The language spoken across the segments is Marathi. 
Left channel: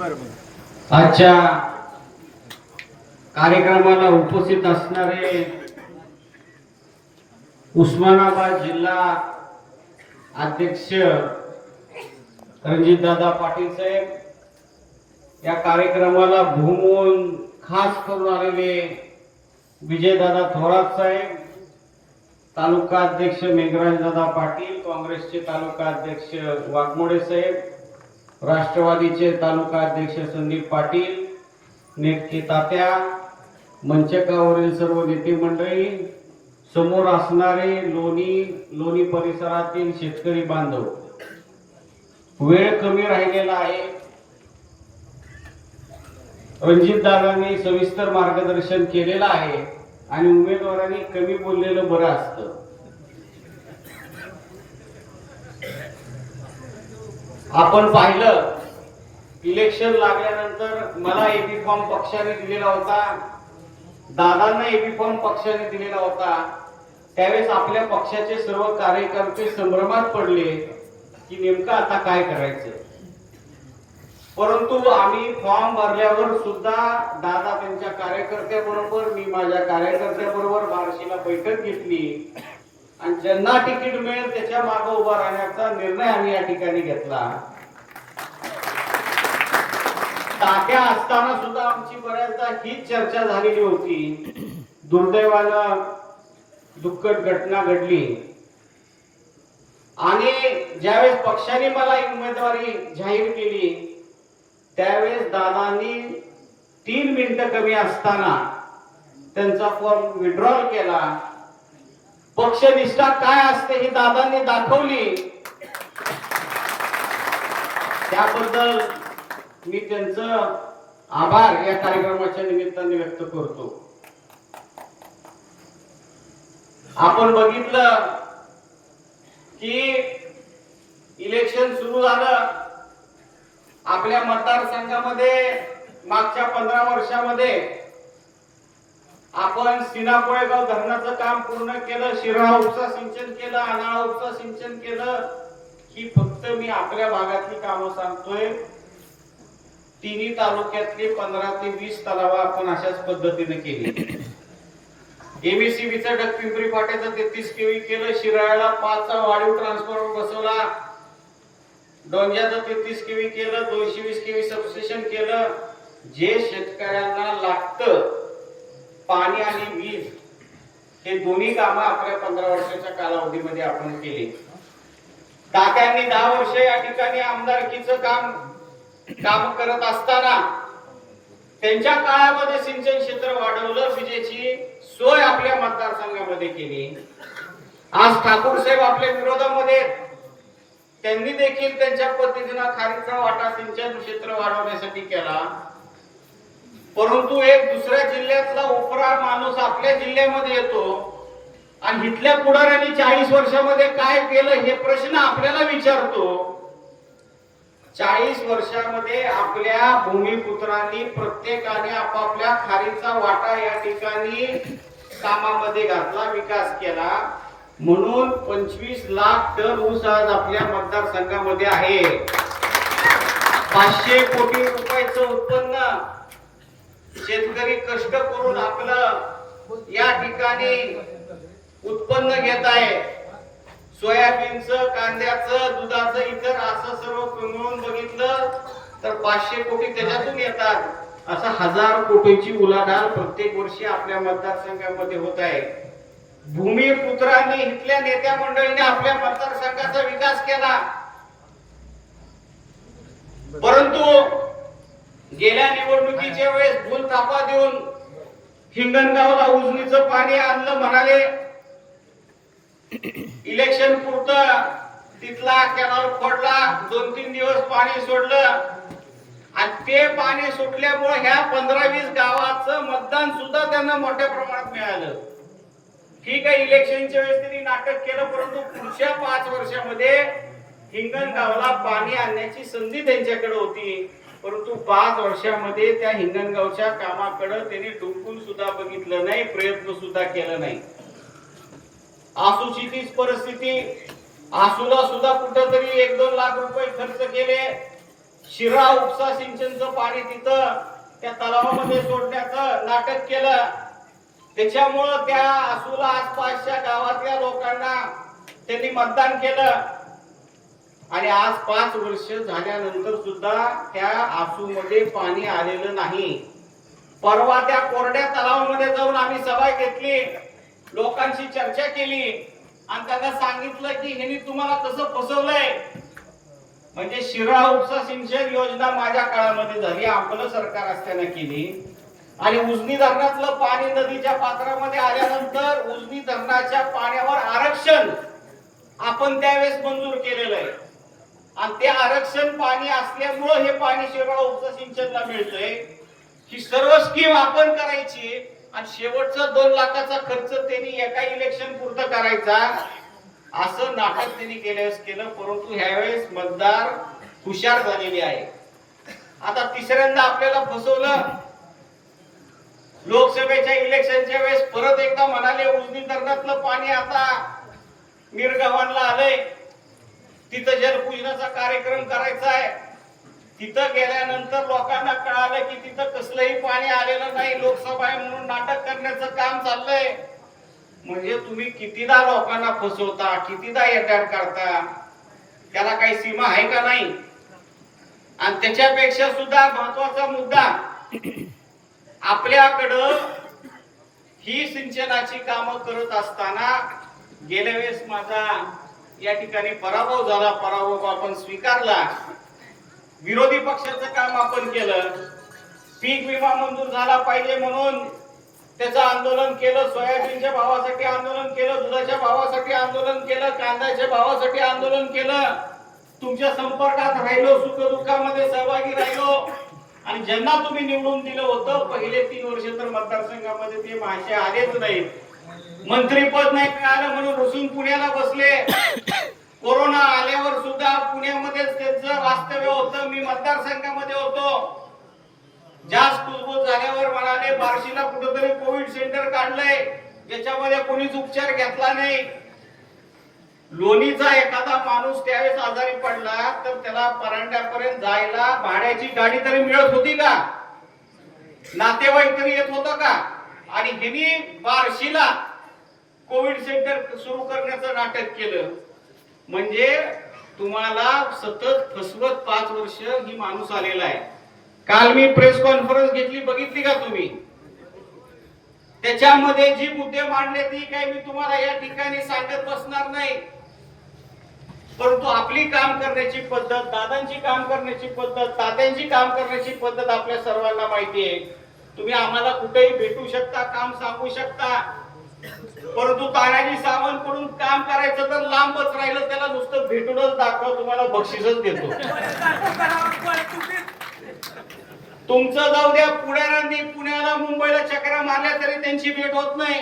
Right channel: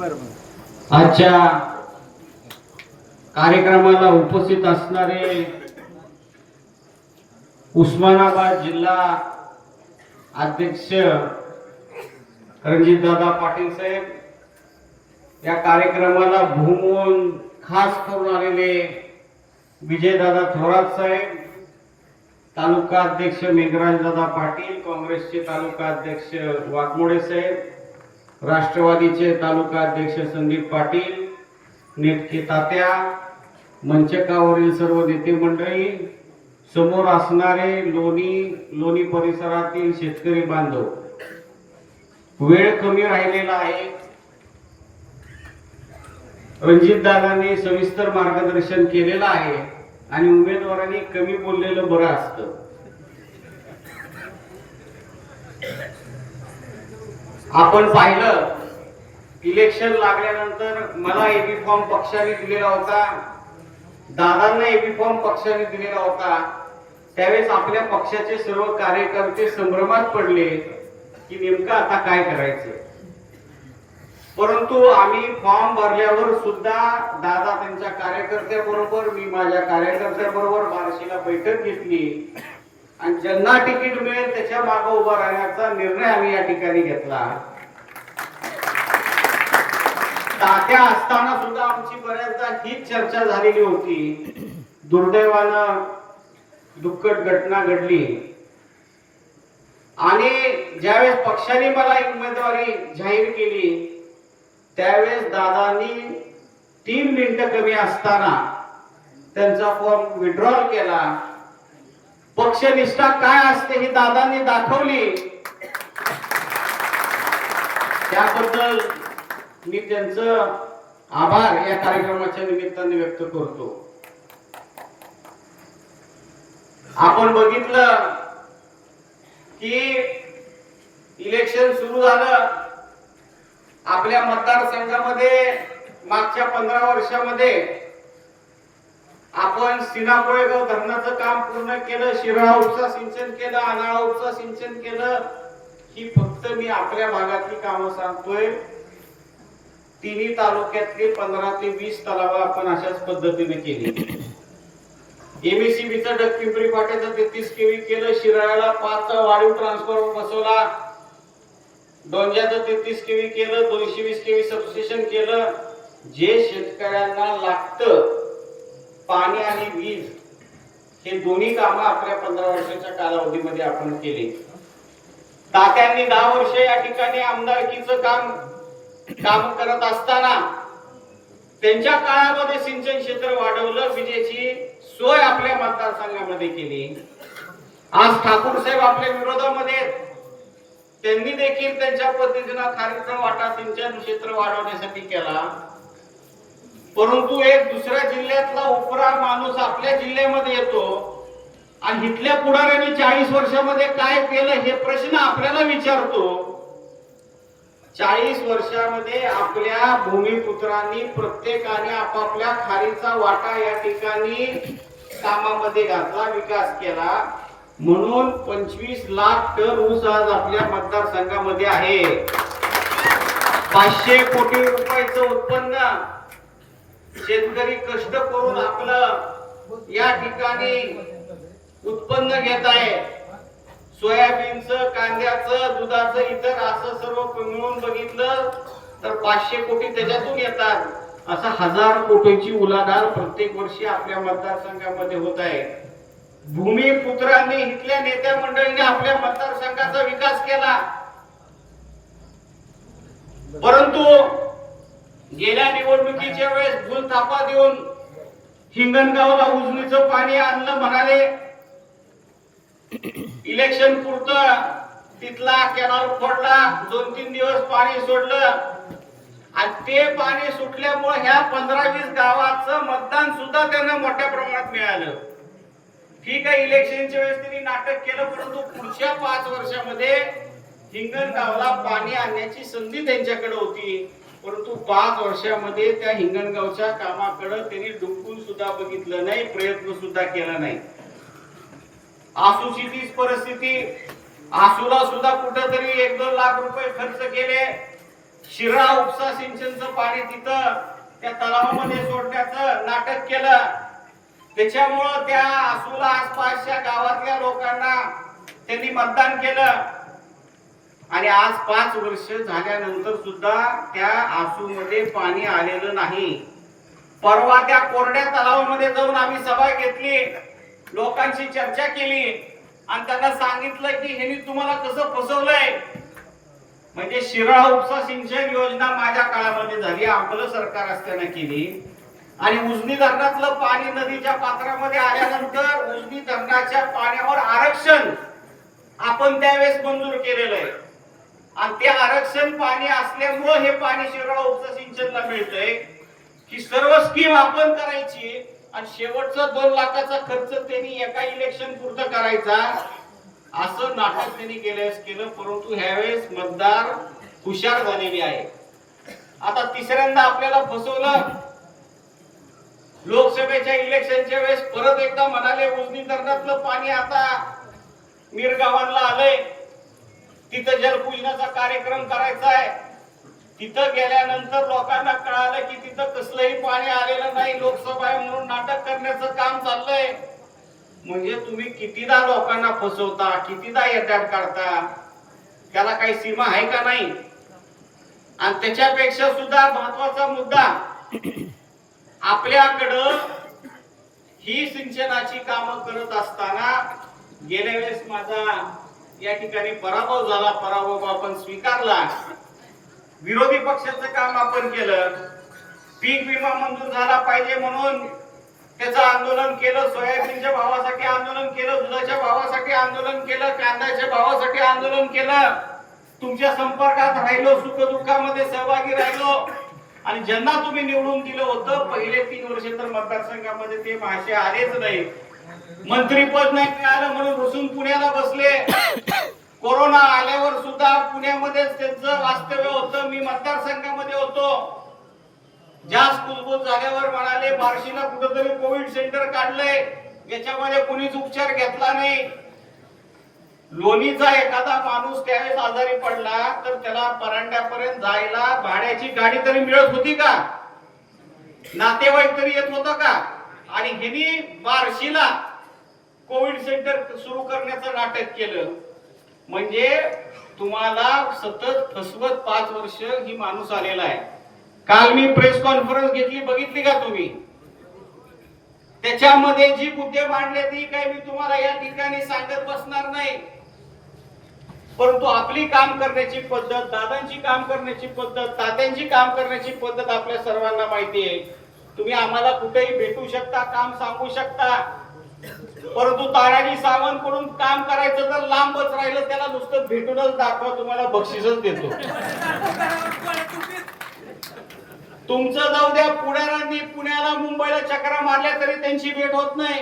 आजच्या कार्यक्रमाला उपस्थित असणारे उस्मानाबाद जिल्हा अध्यक्ष रणजितदादा पाटील साहेब या कार्यक्रमाला भूमवून खास करून आलेले विजयदादा थोरात साहेब तालुका अध्यक्ष मेघराजदादा पाटील काँग्रेसचे तालुका अध्यक्ष वाघमोडे साहेब राष्ट्रवादीचे तालुका अध्यक्ष संदीप पाटील नेटके तात्या मंचकावरील सर्व नेते मंडळी समोर असणारे लोणी लोणी परिसरातील शेतकरी बांधव वेळ कमी राहिलेला आहे. रणजित दादांनी सविस्तर मार्गदर्शन केलेलं आहे आणि उमेदवारांनी कमी बोललेलं बरं असतं. आपण पाहिलं इलेक्शन लागल्यानंतर मला एबी फॉर्म पक्षाने दिलेला होता. दादांना एबी फॉर्म पक्षाने दिलेला होता. त्यावेळेस आपल्या पक्षाचे सर्व कार्यकर्ते संभ्रमात पडले की नेमकं आता काय करायचं? परंतु आम्ही फॉर्म भरल्यावर सुद्धा दादा त्यांच्या कार्यकर्त्याबरोबर मी माझ्या कार्यकर्त्याबरोबर बार्शीला बैठक घेतली. आणि ज्यांना तिकीट मिळेल त्याच्यामागे उभा राहण्याचा निर्णय आम्ही या ठिकाणी घेतला. तात्या असताना सुद्धा आमची बऱ्याचदा हीच चर्चा झालेली होती. दुर्दैवानं दुःखद घटना घडली. आणि ज्यावेळेस पक्षाने मला एक उमेदवारी जाहीर केली त्यावेळेस दादांनी तीन मिनिटं कमी असताना त्यांचा फॉर्म विड्रॉल केला. पक्षनिष्ठा काय असते ही दादांनी दाखवली. त्याबद्दल मी त्यांचं आभार या कार्यक्रमाच्या निमित्ताने व्यक्त करतो. आपण बघितलं की इलेक्शन सुरू झालं. आपल्या मतदारसंघामध्ये मागच्या पंधरा वर्षामध्ये आपण सिना कोळेगाव धरणाचं काम पूर्ण केलं शिराळा उपसा सिंचन केलं अनाळा उपसा सिंचन केलं ही फक्त मी आपल्या भागातली कामं सांगतोय. तिन्ही तालुक्यातले पंधरा ते वीस तलाव आपण अशाच पद्धतीने केली. एमएससीबीचं डगपिंपरी फाट्याचं तेहतीस केवी केलं शिराळ्याला पाचचा वाढीव ट्रान्सफॉर्मर बसवला. डोंग्याचं तेहतीस केवी केलं दोनशे वीस केवी सबस्टेशन केलं. जे शेतकऱ्यांना लागतं पाणी आणि वीज हे दोन्ही कामं आपल्या पंधरा वर्षाच्या कालावधीमध्ये आपण केली. तात्यांनी दहा वर्ष या ठिकाणी आमदारकीचं काम काम करत असताना त्यांच्या काळामध्ये सिंचन क्षेत्र वाढवलं विजेची सोय आपल्या मतदारसंघामध्ये केली. आज ठाकूर साहेब आपल्या विरोधामध्ये त्यांनी देखील त्यांच्या पद्धतीनं खारीचा वाटा सिंचन क्षेत्र वाढवण्यासाठी केला. परंतु एक दुसऱ्या जिल्ह्यातला उपरा माणूस आपल्या जिल्ह्यामध्ये येतो आणि इथल्या पुढाऱ्यांनी चाळीस वर्षामध्ये काय केलं हे प्रश्न आपल्याला विचारतो. चाळीस वर्षामध्ये आपल्या भूमिपुत्रांनी प्रत्येकाने आपापल्या खारीचा वाटा या ठिकाणी कामामध्ये घातला विकास केला. म्हणून पंचवीस लाख टन ऊस आज आपल्या मतदारसंघामध्ये आहे. पाचशे कोटी रुपयाचं उत्पन्न. शेतकरी कष्ट करून आपलं या ठिकाणी उत्पन्न घेत आहे. सोयाबीनचं कांद्याचं दुधाचं इतर असं सर्व मिळून बघितलं तर पाचशे कोटी त्याच्यातून येतात. असा हजार कोटीची उलाढाल प्रत्येक वर्षी आपल्या मतदारसंघामध्ये होत आहे. भूमिपुत्रांनी इथल्या नेत्या मंडळीने आपल्या मतदारसंघाचा विकास केला. परंतु गेल्या निवडणुकीच्या वेळेस भूल थापा देऊन हिंगणगावला उजनीचं पाणी आणलं म्हणाले. इलेक्शन पुरतं तिथला कॅनॉल फोडला दोन तीन दिवस पाणी सोडलं. आणि ते पाणी सुटल्यामुळे ह्या पंधरा वीस गावाचं मतदान सुद्धा त्यांना मोठ्या प्रमाणात मिळालं. ठीक आहे इलेक्शनच्या वेळेस त्यांनी नाटक केलं परंतु पुढच्या पाच वर्षामध्ये हिंगणगावला पाणी आणण्याची संधी त्यांच्याकडे होती. परंतु पाच वर्षामध्ये त्या हिंगणगावच्या कामाकडे त्यांनी डुंकून सुद्धा बघितलं नाही प्रयत्न सुद्धा केला नाही. आसूची तीच परिस्थिती आसूला सुद्धा कुठंतरी एक दोन लाख रुपये खर्च केले. शिरा उपसा सिंचनचं पाणी तिथं त्या तलावामध्ये सोडण्याचं नाटक केलं. त्याच्यामुळं त्या आसूला आसपासच्या गावातल्या लोकांना त्यांनी मतदान केलं. आणि आज पाच वर्ष झाल्यानंतर सुद्धा त्या आसूमध्ये पाणी आलेलं नाही. परवा त्या कोरड्या तलावामध्ये जाऊन आम्ही सभा घेतली लोकांशी चर्चा केली आणि त्यांना सांगितलं की ह्यांनी तुम्हाला कसं फसवलंय? म्हणजे शिराळा उपसा सिंचन योजना माझ्या काळामध्ये झाली आपलं सरकार असताना केली. आणि उजनी धरणातलं पाणी नदीच्या पात्रामध्ये आल्यानंतर उजनी धरणाच्या पाण्यावर आरक्षण आपण त्यावेळेस मंजूर केलेलं आहे. आणि ते आरक्षण पाणी असल्यामुळं हे पाणी शिराळा उपसा सिंचनला मिळतंय. ही सर्व स्कीम आपण करायची आणि शेवटचा दोन लाखाचा खर्च त्यांनी एका इलेक्शन पुरतं करायचा. असं नाटक त्यांनी केल्यास केलं परंतु ह्यावेळेस मतदार हुशार झालेले आहे आता तिसऱ्यांदा आपल्याला फसवलं. लोकसभेच्या इलेक्शनच्या वेळेस परत एकदा म्हणाले उजनी धरणातलं पाणी आता मिरगावांना आलंय. तिथं जलपूजनाचा कार्यक्रम करायचा आहे तिथं गेल्यानंतर लोकांना कळालं की तिथं कसलंही पाणी आलेलं नाही लोकसभा आहे म्हणून नाटक करण्याचं काम चाललंय. म्हणजे तुम्ही कितीदा लोकांना फसवता कितीदा येतात काढता त्याला काही सीमा आहे का नाही? आणि त्याच्यापेक्षा सुद्धा महत्त्वाचा मुद्दा आपल्याकडं ही सिंचनाची कामं करत असताना गेल्या वेळेस माझा या ठिकाणी पराभव झाला पराभव आपण स्वीकारला. विरोधी पक्षाचं काम आपण केलं. पीक विमा मंजूर झाला पाहिजे म्हणून त्याचं आंदोलन केलं सोयाबीनच्या भावासाठी आंदोलन केलं दुधाच्या भावासाठी आंदोलन केलं कांद्याच्या भावासाठी आंदोलन केलं. तुमच्या संपर्कात राहिलो सुखदुःखामध्ये सहभागी राहिलो. आणि ज्यांना तुम्ही निवडून दिलं होतं पहिले तीन वर्ष तर मतदारसंघामध्ये ते मासे आलेच नाही मंत्रीपद नाही मिळालं म्हणून रुसून पुण्याला बसले. कोरोना आल्यावर सुद्धा पुण्यामध्येच त्यांचं वास्तव्य होतं. मी मतदारसंघामध्ये होतो. जास्त कुजबूज झाल्यावर म्हणाले बार्शीला कुठंतरी कोविड सेंटर काढलंय. याच्यामध्ये कोणीच उपचार घेतला नाही. लोणीचा एखादा माणूस त्यावेळेस आजारी पडला तर त्याला परांड्यापर्यंत जायला भाड्याची गाडी तरी मिळत होती का? नातेवाईक तरी येत होतं का? आणि ह्यांनी बार्शीला कोविड सेंटर सुरू करण्याचं नाटक केलं. म्हणजे तुम्हाला सतत फसवत पाच वर्ष ही माणूस आलेला आहे. काल मी प्रेस कॉन्फरन्स घेतली बघितली का तुम्ही? त्याच्यामध्ये जी मुद्दे मांडले ती काही मी तुम्हाला या ठिकाणी सांगत बसणार नाही. परंतु आपली काम करण्याची पद्धत दादांची काम करण्याची पद्धत तात्यांची काम करण्याची पद्धत आपल्या सर्वांना माहिती आहे. तुम्ही आम्हाला कुठेही भेटू शकता काम सांगू शकता. परंतु तानाजी सावंत कडून काम करायचं तर लांबच राहिलं त्याला नुसतं भेटूनच दाखवा तुम्हाला बक्षीसच देतो. तुमचं जाऊ द्या पुढाऱ्यांनी पुण्याला मुंबईला चक्रा मारल्या तरी त्यांची भेट होत नाही.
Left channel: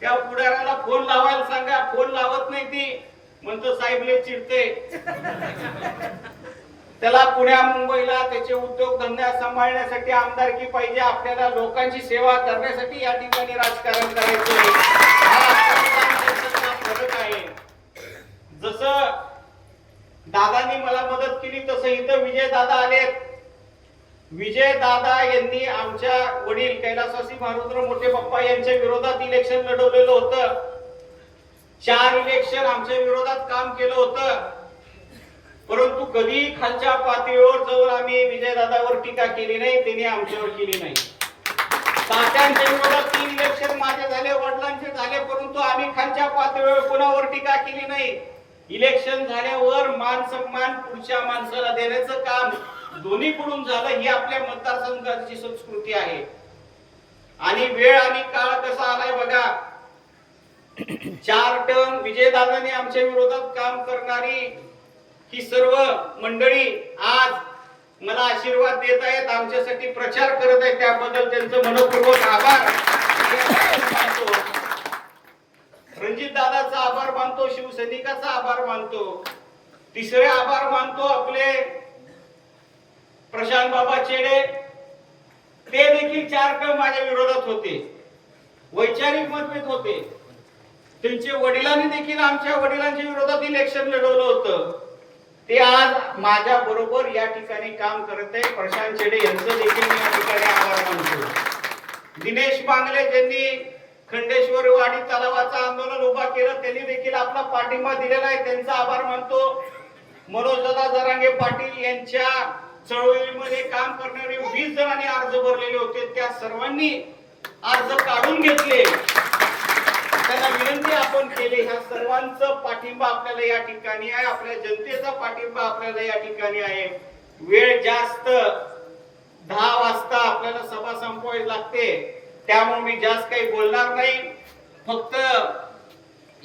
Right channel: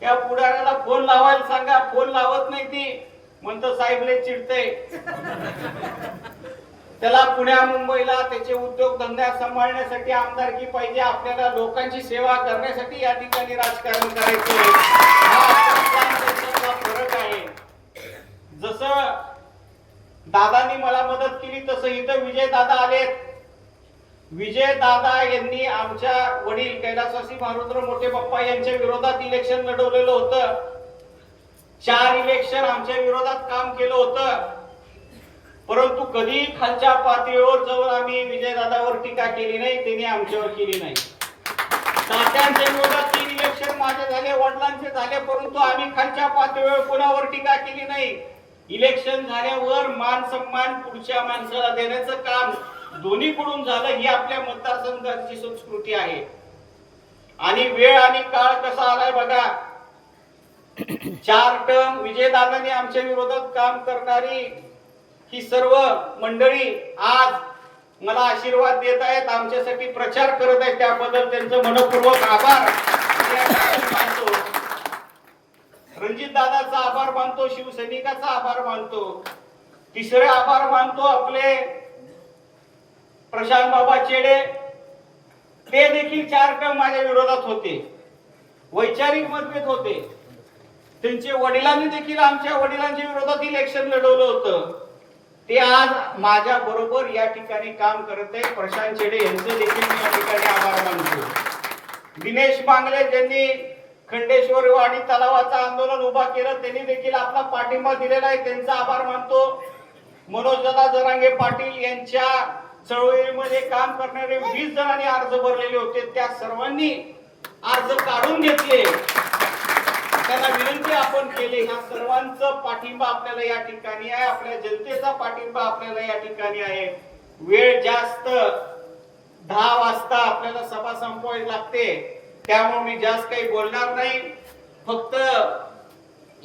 त्या पुढाऱ्याला फोन लावायला सांगा फोन लावत नाही ती. म्हणतो साहेबले चिडते त्याला पुण्या मुंबईला त्याचे उद्योगधंदा सांभाळण्यासाठी आमदारकी पाहिजे. आपल्याला लोकांची सेवा करण्यासाठी या ठिकाणी राजकारण करायचं हा फरक आहे. जसं दादांनी मला मदत केली तसं इथं विजय दादा आलेत. विजय दादा यांनी आमच्या वडील कैलासवासी मारुद्र मोठे बाप्पा यांच्या विरोधात इलेक्शन लढवलेलं होतं. चार इलेक्शन आमच्या विरोधात काम केलं होतं. परंतु कधी खालच्या पातळीवर जाऊन आम्ही विजय दादावर टीका केली नाही त्यांनी आमच्यावर केली नाही. तात्यांच्या विरोधात तीन इलेक्शन माझे झाले वडिलांचे झाले परंतु आम्ही खालच्या पातळीवर कोणावर टीका केली नाही. इलेक्शन झाल्यावर मान सन्मान पुढच्या माणसाला देण्याचं काम दोन्हीकडून झालं ही आपल्या मतदारसंघाची संस्कृती आहे. आणि वेळ आणि काळ कसा आलाय बघा. चार टर्म विजयदादाने आमच्या विरोधात काम करणारी ही सर्व मंडळी आज मला आशीर्वाद देत आहेत आमच्यासाठी प्रचार करत आहेत. त्याबद्दल त्यांचं मनपूर्वक आभार. मानतो रणजित दादाचा आभार मानतो शिवसैनिकाचा आभार मानतो. तिसरे आभार मानतो आपले प्रशांत बाबा चेडे. ते देखील चार टर्म माझ्या विरोधात होते. वैचारिक मतभेद होते. त्यांचे वडिलांनी देखील आमच्या वडिलांच्या विरोधात इलेक्शन लढवलं होतं. ते आज माझ्या बरोबर या ठिकाणी काम करत आहे प्रशांत शेडे यांचं देखील मी या ठिकाणी आभार मानतो. दिनेश बांगले ज्यांनी खंडेश्वर आणि तलावाचं आंदोलन उभा केलं त्यांनी देखील आपला पाठिंबा दिलेला आहे. त्यांचा आभार मानतो. मनोज दादा जरांगे पाटील यांच्या चळवळीमध्ये काम करणारे वीस जणांनी अर्ज भरलेले होते. त्या सर्वांनी अर्ज काढून घेतले. त्यांना विनंती आपण केली. ह्या सर्वांचं पाठिंबा आपल्याला या ठिकाणी आहे. आपल्या जनतेचा पाठिंबा आपल्याला या ठिकाणी आहे. वेळ जास्त दहा वाजता आपल्याला सभा संपवायला लागते. त्यामुळे मी जास्त काही बोलणार नाही. फक्त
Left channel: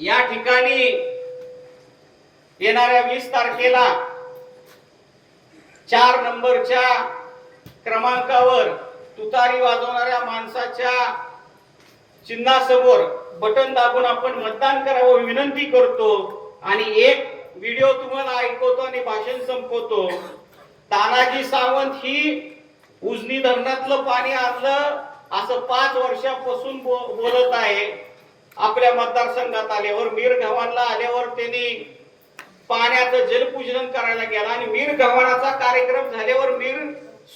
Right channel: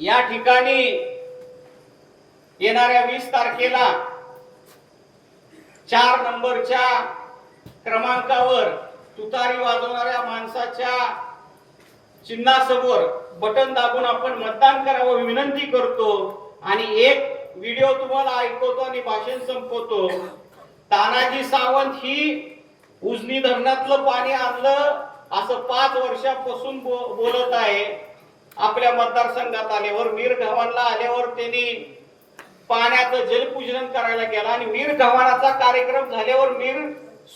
या ठिकाणी येणाऱ्या वीस तारखेला चार नंबरच्या क्रमांकावर तुतारी वाजवणाऱ्या माणसाच्या चिन्हासमोर बटन दाबून आपण मतदान करावं विनंती करतो. आणि एक व्हिडिओ तुम्हाला ऐकवतो आणि भाषण संपवतो. तानाजी सावंत ही उजनी धरणातलं पाणी आणलं असं पाच वर्षापासून बो- बोलत आहे. आपल्या मतदारसंघात आल्यावर मीर गव्हाणला आल्यावर त्यांनी पाण्याचं जलपूजन करायला गेला आणि मीर गव्हाणाचा कार्यक्रम झाल्यावर मीर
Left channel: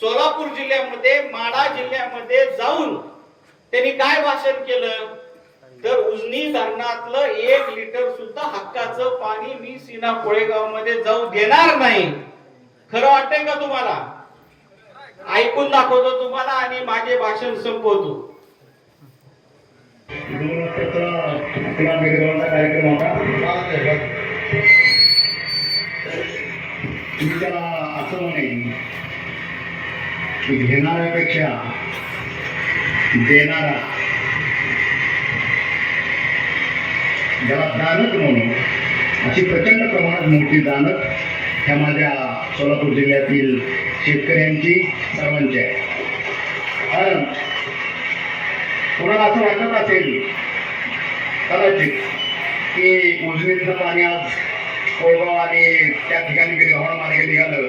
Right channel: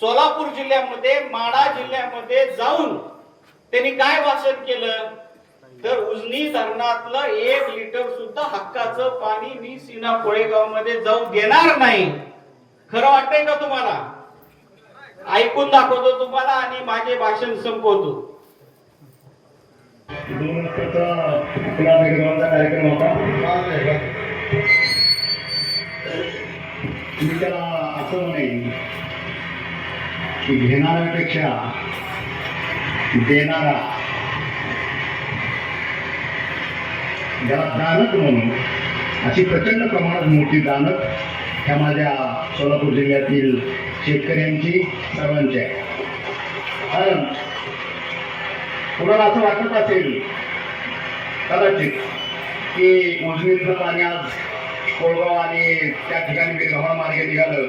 सोलापूर जिल्ह्यामध्ये माडा जिल्ह्यामध्ये जाऊन त्यांनी काय भाषण केलं? तर उजनी धरणातलं एक लिटर सुद्धा हक्काचं पाणी मी सीना कोळेगावमध्ये जाऊ देणार नाही. खरं वाटतंय का तुम्हाला? ऐकून दाखवतो तुम्हाला आणि माझे भाषण संपवतो. कार्यक्रम होता असं म्हणे की घेणाऱ्यापेक्षा देणारा. ज्याला दानक म्हणून अशी प्रचंड प्रमाणात मोठी दानक ह्या माझ्या सोलापूर जिल्ह्यातील शेतकऱ्यांची सर्वांची आहे. कारण कुणाला असं वाटत असेल कदाचित की उजनीचं पाणी आज कोळगाव आणि त्या ठिकाणी बिरगावा मार्गे निघालं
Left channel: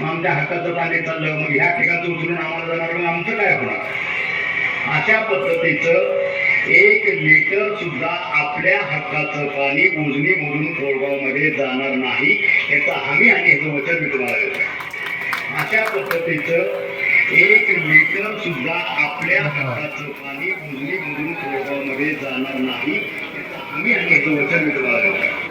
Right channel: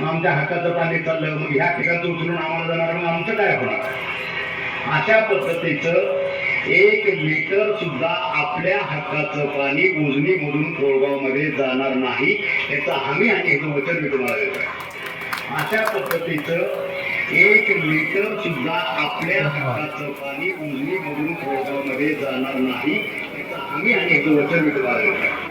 मग आमच्या हक्काचं पाणी चाललं मग ह्या ठिकाणचं उचलून आम्हाला जाणार मग आमचं काय होणार? अशा पद्धतीचं एक लिटर सुद्धा आपल्या हक्काचं पाणी उजनी मधून कोळगावमध्ये जाणार नाही याचा हमी आणि याचं वचन मी तुम्हाला देतो. अशा पद्धतीचं एक लिटर सुद्धा आपल्या हाताचं पाणी उजनी मधून कोळगावमध्ये जाणार नाही याचा हमी आणि याचं वचन मी तुम्हाला देतो.